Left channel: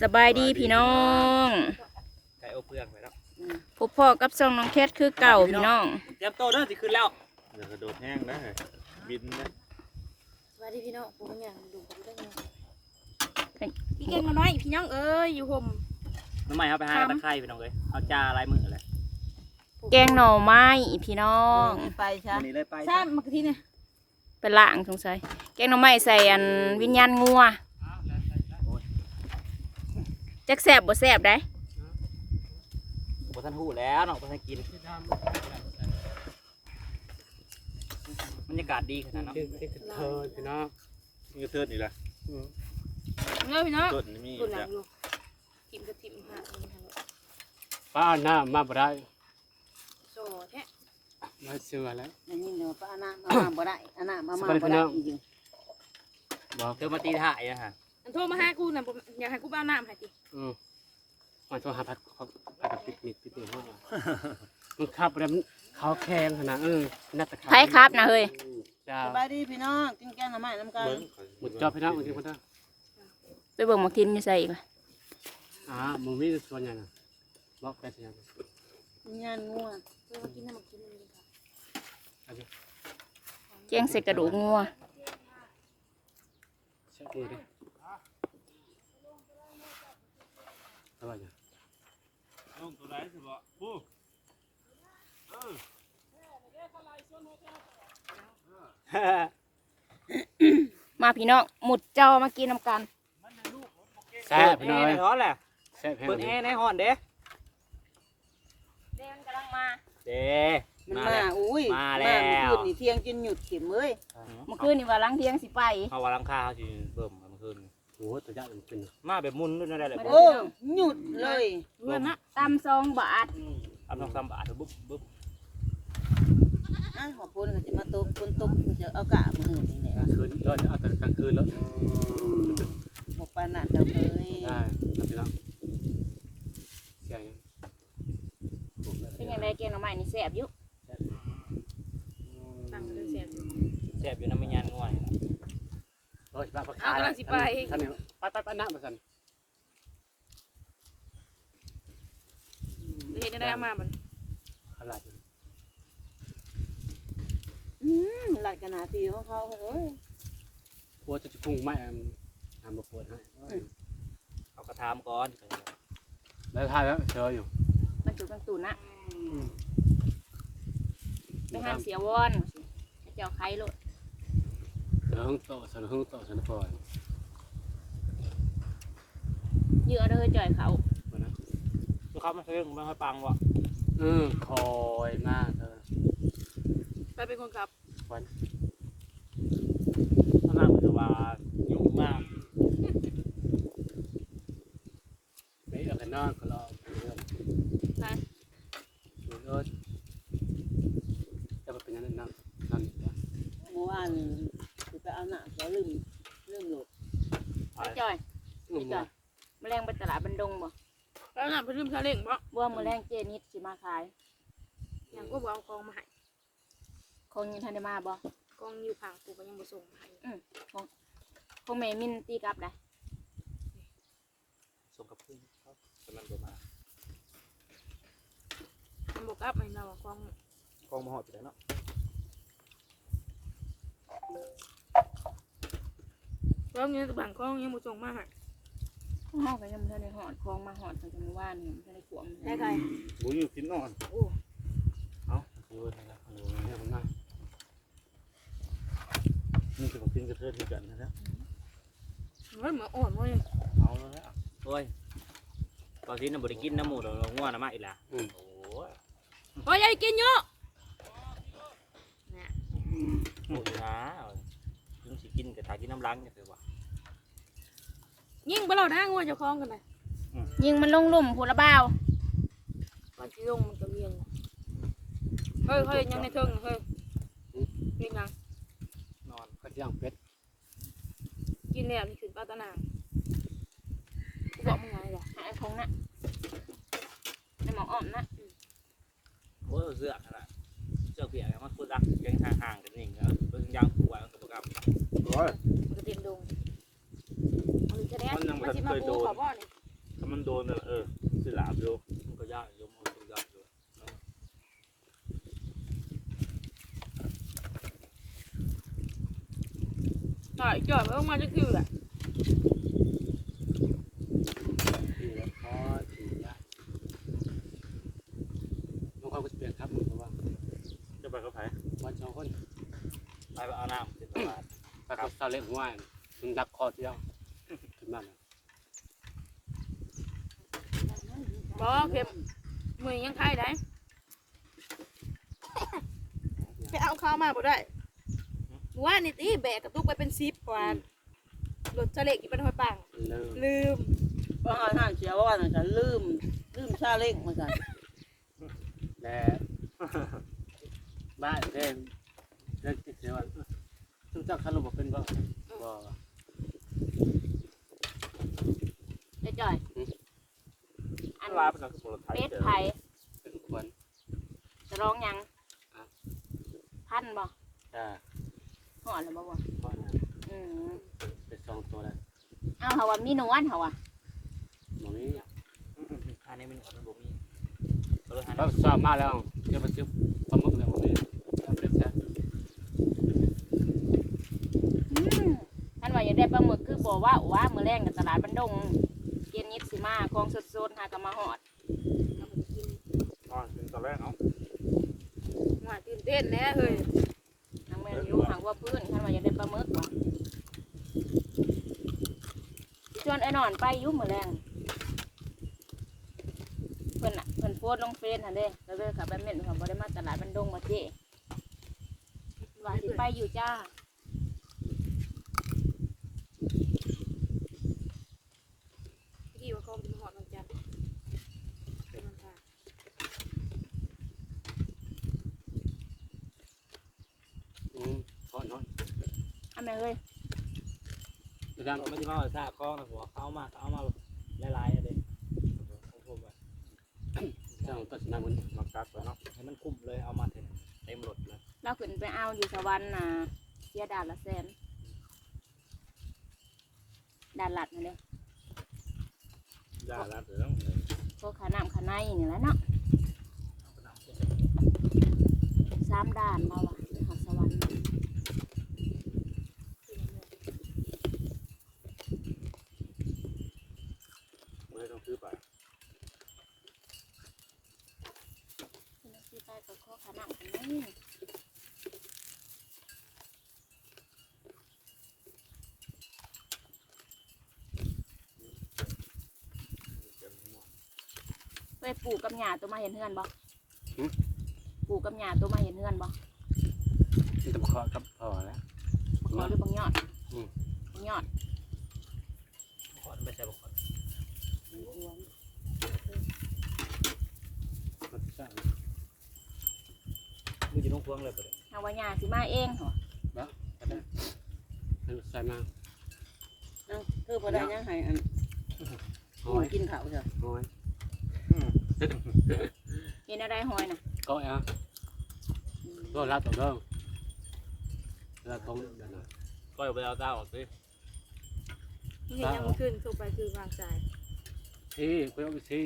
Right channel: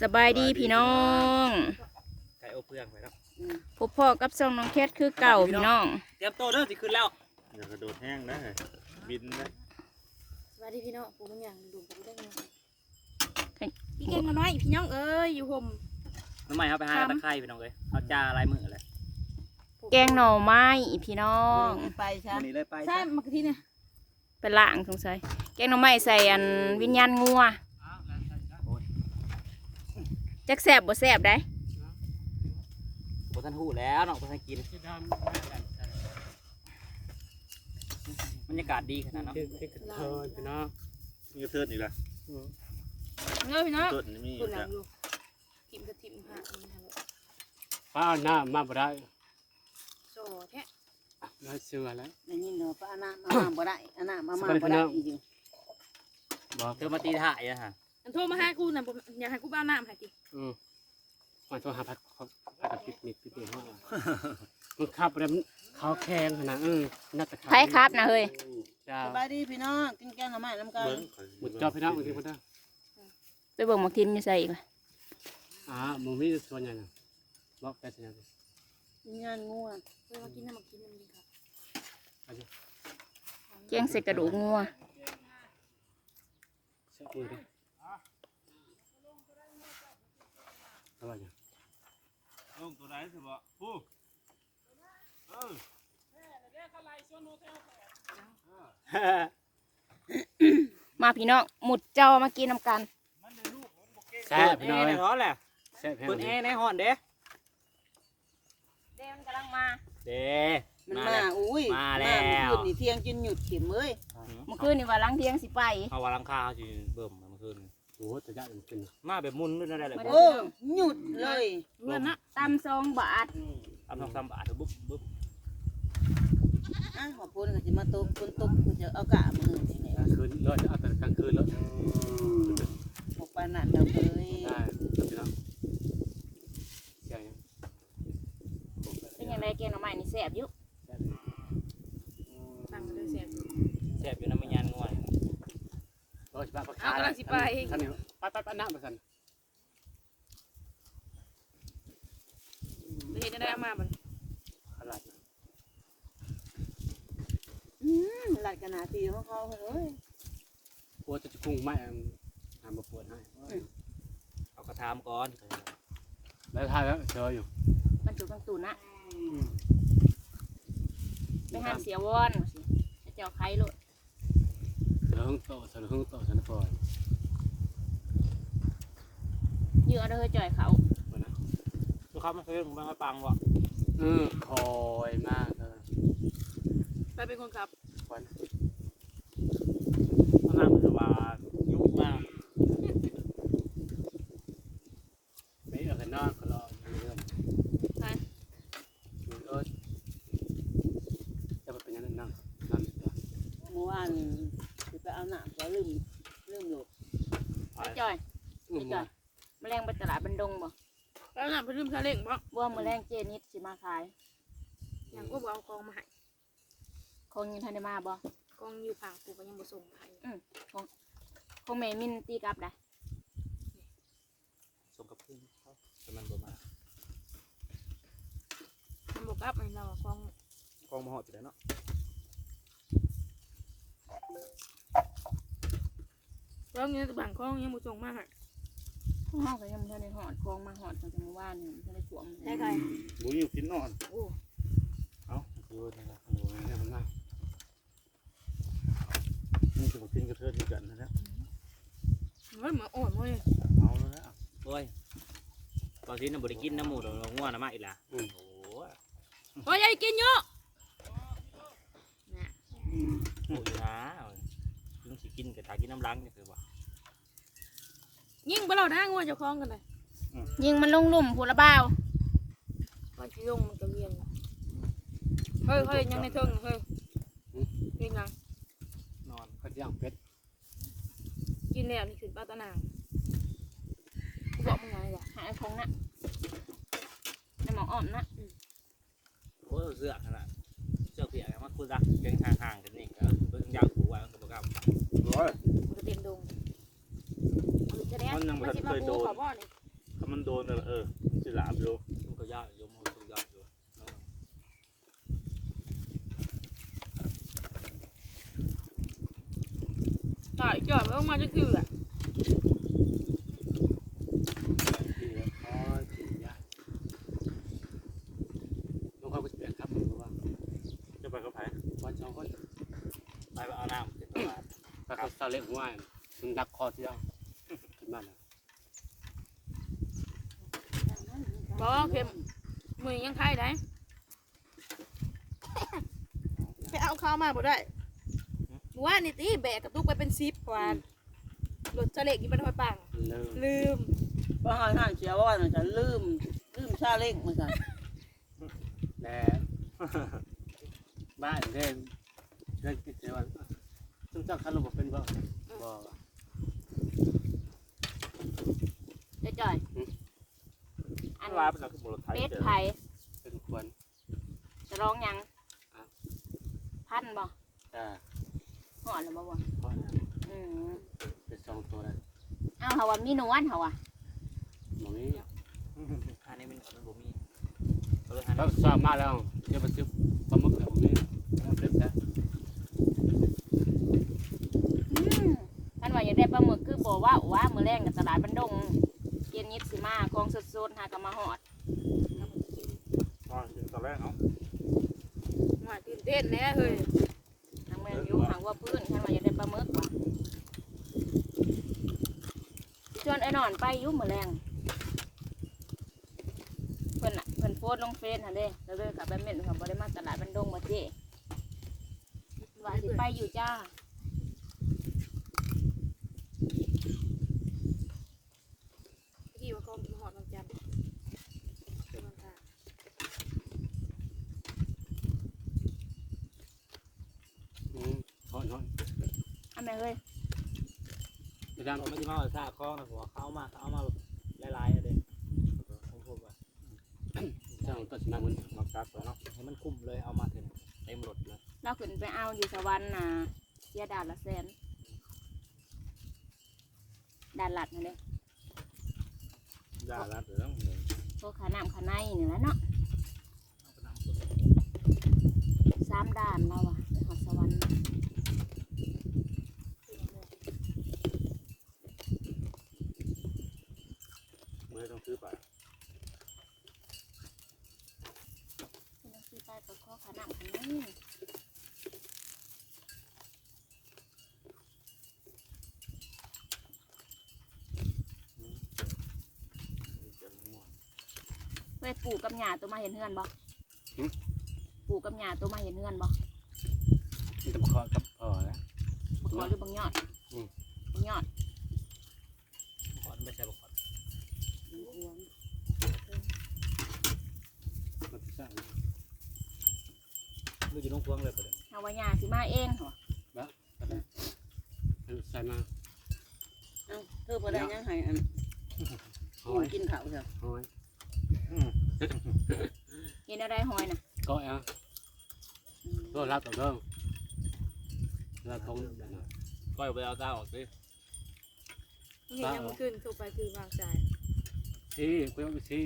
สบายดีพี่น้องไก่อบเปลือกไปแล้วพบพ่อกับซองน้องแคทคือเก่าพี่น้องเตรียมโตวเด้อสิขึ้นแล้วอย่ากระโดดแห้งนะบินนะสวัสดีพี่น้องผมอย่างดูผมได้ไงพี่เก่งมาน้อยพี่น้องเอ้ยอยู่ผมน้ำใหม่เอาไปหาตะไคร้ไปน้องเลยเอาจาลายมือเลยแกงหน่อไม้พี่น้องไปใช่วันนี้เลยไปทราบมากทีเนี่ยเป็นล่างสงสัยแกงหน่อไม้ใส่อันวิญญาณงัว จักแสบบ่แสบได้บ่ทันหูแล้วเนาะบ่ทันกินบรรยากาศดีขนาดเนาะที่ที่กระเทินพี่น้องนี่ก็เทิดนี่ละอืมเงยพี่น้องต้นนี่มีคนหลัจ้ะงลูกทิมกับทิมฮะนี่ทำป้าเอาหน้ามาบ่ได้โซ่แท้เราเชื่อแล้วอันนี้เดี๋ยวป้าอานามามาบ่ได้อานามามาบ่ได้อีกบอกเธอมาตีถ่ายนะฮะ อันโทรมาหากูน่ะผมอยากให้กูบ้าน้ำให้ติอืมมันโทรหาพัดเขาพัดปิดมิดปิดมิดห้องมันขับแล้วมันเขาแข็งขนาดเออน่าจะไผครับนะเฮ้ยเจ้าสบายดีพี่น้องกินแกงหน่อไม้น้ำกันหมดจอพี่น้องเมื่อกี้พ่อเด้อไปเบิ่งหมักทินอยู่ใส่อีกล่ะอ่ามึงมีส่วนใหญ่นะบอกแกส่วนใหญ่งานงัวเออมากินน้ำมากินน้ำนี่ครับแกงใส่กระดูกงัว เช็คมือดิ อะไรอย่างลุงตัวไหนสิบ่ผู้มาพี่น้องหมุดเจ้ามากินน้ำกันแซ่บพี่แอน้อร์ในยร้อนแหละแซ่บแห้งเปิดแอร์ในห้อนเด้เดนกำลังมาเด้มันมามาแล้วอุ้ยมาแล้วคืนนี่เที่ยงกินหยุดเข็มเอ้ยเมื่อคืนนี่ว่าล้างเที่ยงสิไปเอาวาลังคาเขาสิเบิ่มเมื่อคืน โอ้โหตัวใหญ่มันเป็นมาแบบมุนด้วยนั่นแหละโอ้หยุดเลยเพื่อนนะตำซองบาททำทองสามบาทบุ๊บบุ๊บอะขอบคุณก็จะมาตกคนตกก็จะเอากะมือนี่แหละคืนรอดเอาแต่กลางคืนแล้วบอกปานนั่นแล้วเลย ได้พี่น้องเสียง เป็นยังไงแกงหน่อไม้นี่แสบอยู่ ตั้งกันด้วยเสียบอยู่ แซ่บอยู่น้ำมันยานง่วย รอสิป้าพัก เอากำลัง สิไปท่านนี่ไปไปไปนั่งไปสันเห็นได้มามันอะไรอืมหลักขนาดที่ของเขาเอ้ยปวดจะกุ้งไม่ทำมาปวดให้เอากระทามก่อนแล้วทายแล้วเจออยู่มันจุกตังตุนนะไปห้ามเสียวอนเจ้าไข่โลด เสือหึงโตเสือหึงโตเสือปล่อยเยอะเด้อจ่อยเขาวันนั้นลูกค้ามาซื้อมาให้ปังวะเออคอยมากเออไปเป็นคนขับควันข้างานว่ายุ่งมากไม่อะไรนอกเขาลอเรื่องไปเออจะเป็นยังไงนั่งนั่งเมื่อวาน ก็ลืมลืมโหลดจ่อยอุ้มมาแมลงไปตลาดบันดงบ่แล้วน่ะไปลืมซาเล้งบ่บ่แมลงเจนิดสิมาขายยังก็บ่เอากองมาให้คงยังทันได้มาบ่กองอยู่ผังกูก็ยังบ่ส่งมาให้คงแม่มินตีกลับได้ส่งกับเพื่อนเขาแต่มันบ่มามันบอกกับไอ้เราอะกองกองมาหอดไปแล้วเนาะ กองเนี้ยบางกองยังบ่ส่งมาให้ห้องก็ยังบ่ทันได้หอดคลองมาหอดตั้งแต่เมื่อวานนี่บ่ทันได้ขวมได้ไงบุญอยู่กินนอนโอ้เอาดูนะครับโอ้ยเนี่ยมันน่านี่จะมากินกระเทิดด้วยกันนะนะมันเหมือนอ่อนเว้ยเอาแล้วนะโอ้ยตอนที่น่ะบ่ได้กินน้ำหมูเราง่วงนะมาอีกและโอ้โหโอ้ยยายกินเยอะเนี่ยโอ้ยนะถึงสิ กินก็ถ้ากินน้ำล้างจะคือว่ายิ่งไปเราได้งัวเจะคล้าของกันเลยยิงมันลงหลุ่มผู้ละบ่าวมันจะลงมันจะเวียงเฮ้ยเฮ้ยยังในเทิงเฮ้ยเวียงยังนอนเขาจะย่างเป็ดกินแล้วนี่ขึ้นปลาตะนางกูบอกมึงไงล่ะหาคงนะในหมออ้อมนะโอ้ยเสื้อขนาด เสื้อเปียกมันคุรักยังห่างๆกันนี่ก็เบิ่งยางกูไว้มันก็บ่กล้าโอ้ยมันก็เต็มดงเอาอีกจะแน่มันสิมาปูขอบ่อนี่ถ้ามันโดนน่ะเออสิหลาบอยู่มันก็ยากอยู่มันก็ยากอยู่ใช่จอดไม่ต้องมาจะคือแหละ นี่แหละคอสียากบางคนก็จะเปลี่ยนครับเพราะว่า จะไปกับไผ วันสองคน ไปเอาน้ำขึ้นมา ไปกับซา เล็กหัวมันดักคอที่เราขึ้นมาแล้วบอกเข็มมือยังไข่ได้ไปเอาข้าวมาบ่ได้ว่านี่ตีแบกกระตุกไปเป็นซิปกว่ารถเฉลกอีบันหอยปังเริ่มลืมเพราะเขาห้าเสียว่าน่ะจะลืมลืมชาเล้งเหมือนกันและบ้านเด้งเรื่องที่เสียว่า ทุกเจ้าคันระบบเป็นบ่บ่เจ๊จ่อยอัอันนลาเป็นนักบุรุษไทยเป็ดเด้อไผ่เป็นควรจะร้องหยังอะพันบ่อ่าหอดแล้วบ่บ่เพราะนะอืมเป็นสองตัวแล้วเอาเฮาว่ามีนวลเฮาว่าหมอนี้อันนี้มันมันบ่มีก็เลยหาเราสอบมาแล้วเดี๋ยวไปซื้อปลาหมึกแล้วหมอนี้เอาเป็นซะ อืมท่านว่าอยากได้ป ลาหมึกคือบ่ว่าว่ามื้อแรงกับตลาดบันดงเย็นนิดสิมาของสดๆหาก็มาฮอดนอนกินตอนแรกเนาะว่าตื่นเต้นแน่เฮ้ยทางแม่นอยู่หางว่าพื้นท่านว่าอยากได้ปลาหมึกว่ะชวนไอ้นอนไปอยู่มื้อแรงเพิ่นน่ะเพิ่นโพสต์ลงเฟซหั่นเด้แล้วเลยกลับไปเม่นเขาบ่ได้มาตลาดบันดงบ่เจ้ว่าสิไปอยู่จ้า กี่ว่าคอมจะมาหอดวันจันทร์เป็นวันค่ะ อืมทอดทอด อันแม่เฮ้ย ไป ดังเราไม่ได้มาซาคอนะหัวเขามาเขามาหลายๆเลยผมพูดว่าเจ้าตัดสินใจมันมักตัดตัวเนาะให้มันคุ้มเลยเอามาเถอะเต็มรถเลยเราขึ้นไปเอาอยู่สวรรค์น่ะเสียด่านละแสนด่านหลัดมาเลยด่าละเด้อพวกขาน้ำขาในนี่แหล้วเนาะสามด่านเราอะไปหอดสวรรค์ มือต้องซื้อไปเป็นที่ใต้ก็ข้อขาน้ำขาในไปปลูกกับหญ้าตัวมาเห็นเฮือนบ่ปลูกกับหญ้าตัวมาเห็นเฮือนบ่มันจะมาขอกับพ่อแล้วบักขอหรือบางยอดอืม บางยอดขอนไม่ใช่บ่ขอน มันจะสร้างมือจะต้องพวงเลยประเดี๋ยวเอาว่าหญ้าสิมาเองเหรอมันใส่มาเอ้าเธอพอได้ยังให้อันหอยกินข้าวจ้ะหอยเห็นอะไรหอยน่ะก็เอะอืมก็รับต่อเด้อรับตรงเดี๋ยวนะก็ไปเอาตาออกสิ เห็นยังมันขึ้นถูกไปคือวางใจ ที่คุยกับที่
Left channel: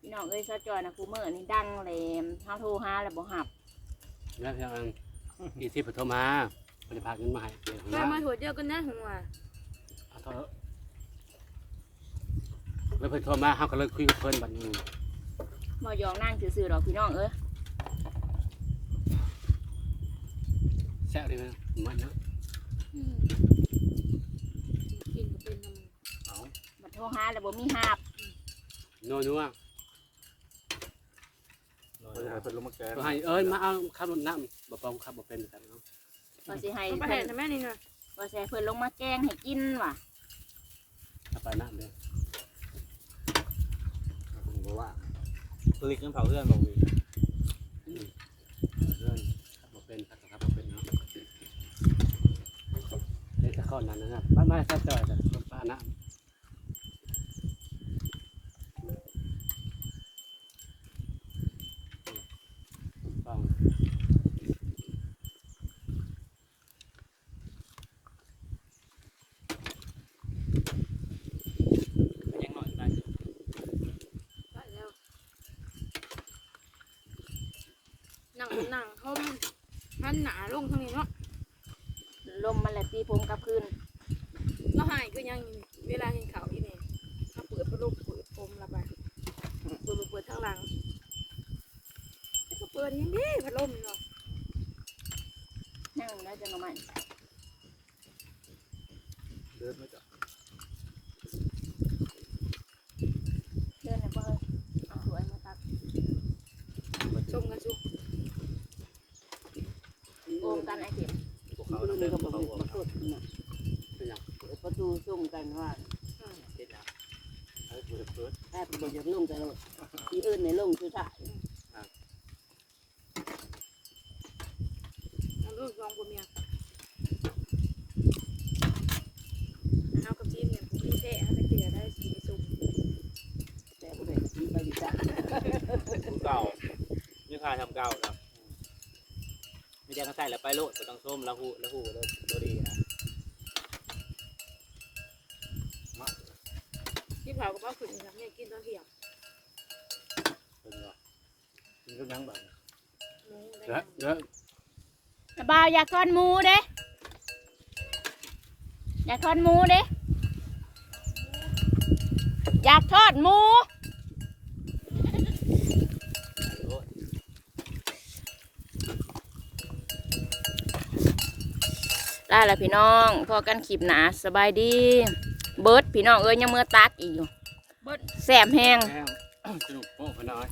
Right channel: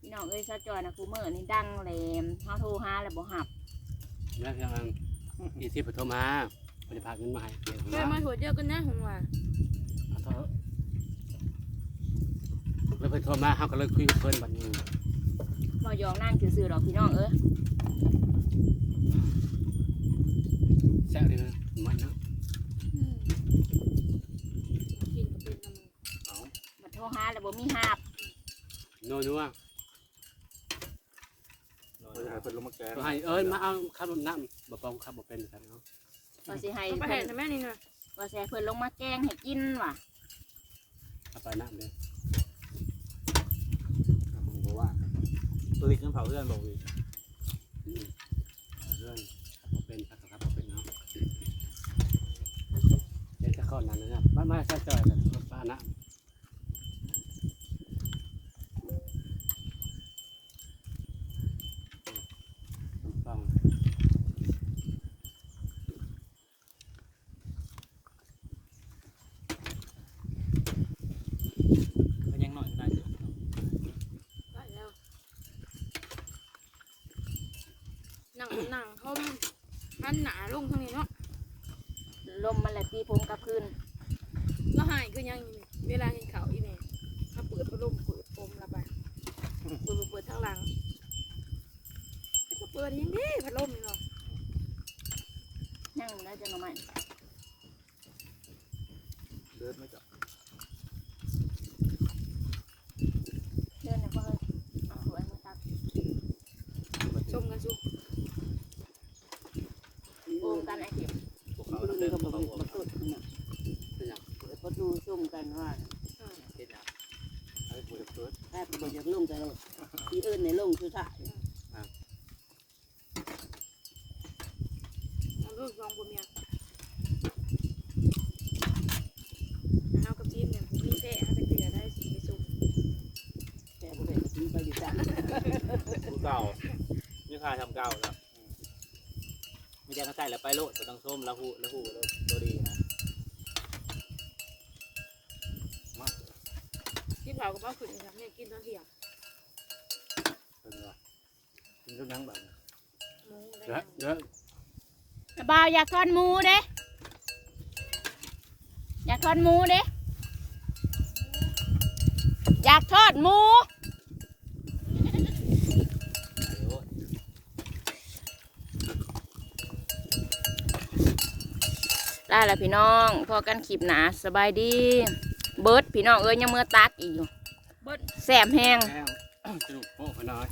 พี่น้องเอ้ยซาจอยนะคูเมอร์นี่ดังเลยเฮาโทรหาแล้วบ่หับแล้วทางอีซี่ปฐมมาบริพาเงินมาให้เดี๋ยวเคยมาหัวเดียวกันนะหัวเอาเถอะแล้วเพิ่นโทรมาเฮาก็เลยคุยกับเพิ่นบัดนี้บ่ยองนั่งซื่อๆดอกพี่น้องเอ้ยแซ่บเลยนะมันนะ กินก็เป็นน้ำมัน เอา บัดโทรหาแล้วบ่มีหับนัวนัวเพิ่นให้เพิ่นลงมาแกงก็ให้เอ้ยมาเอาขับรถน้ำบ่ปองขับบ่เป็นกันเนาะก็สิให้ต้องไปเพิ่เห็นนนะแม่นี่นะก็สิให้เพิ่นลงมาแกงให้กินว่ะเอาไปน้ำเด้อผมก็ว่าตัวนี้ขึ้นเผาเพื่อนบอกดิเรื่องขับบ่เป็นขับขับบ่เป็นเนาะเด็กจะเข้านั้นนะครับบ้านมาซะจ่อยแต่ป้าน้ำฟัง หันหนาลงทางนี้เนาะลมมันแหละตีผมกลับคืนแล้วหายคือยังเวลาเห็นเขาอีแม่มาเปิดพัดลมเปิดผมระบายเปิดเปิดเปิดทางหลังแต่ก็เปิดยังดีพัดลมนี่เนาะนั่งแล้วจะนอนใหม่เดินไม่จับเดินนะพ่อเอ้ยเอาสวยมาตักชมกันสุ โอมกันไอ้เข็ม พวกเขาเดินก็เขาบ่บอกมาสุดน่ะเป็นหยังเปิดประตูซุ่มกันว่าเฮ็ดหยังไอ้กูจะเปิดแทบบ่อยากลงแต่ลงที่อื่นในลงคือถ่ายเอาลูกลองผัวเมียเอากับจีนเนี่ยผมมีแพ้เอาแต่เกลือได้สีไปซุ่มแต่บ่ได้กินไปดีจ้ะผู้เก่านี่พาทำเก่าครับ ไม่ใช่เขาใส่แล้วไปโลดบ่ต้องส้มแล้วหูแล้วหูแล้วตัวดีนะที่เผากับบ้าขึ้นครับเนี่ยกินตอนเที่ยงเป็นว่ากินกับยังแบบหมูได้แล้วยังแล้วสบายอยากทอดหมูเด้อยากทอดหมูเด้อยากทอดหมู โอ้ย ได้แล้วพี่น้องพอกันขีบหนาสบายดี เบิร์ดพี่น้องเอ้ยยังเมื่อตักอีกอยู่เบิดแสบแห้งแล้วสนุกโอ้ขน้อย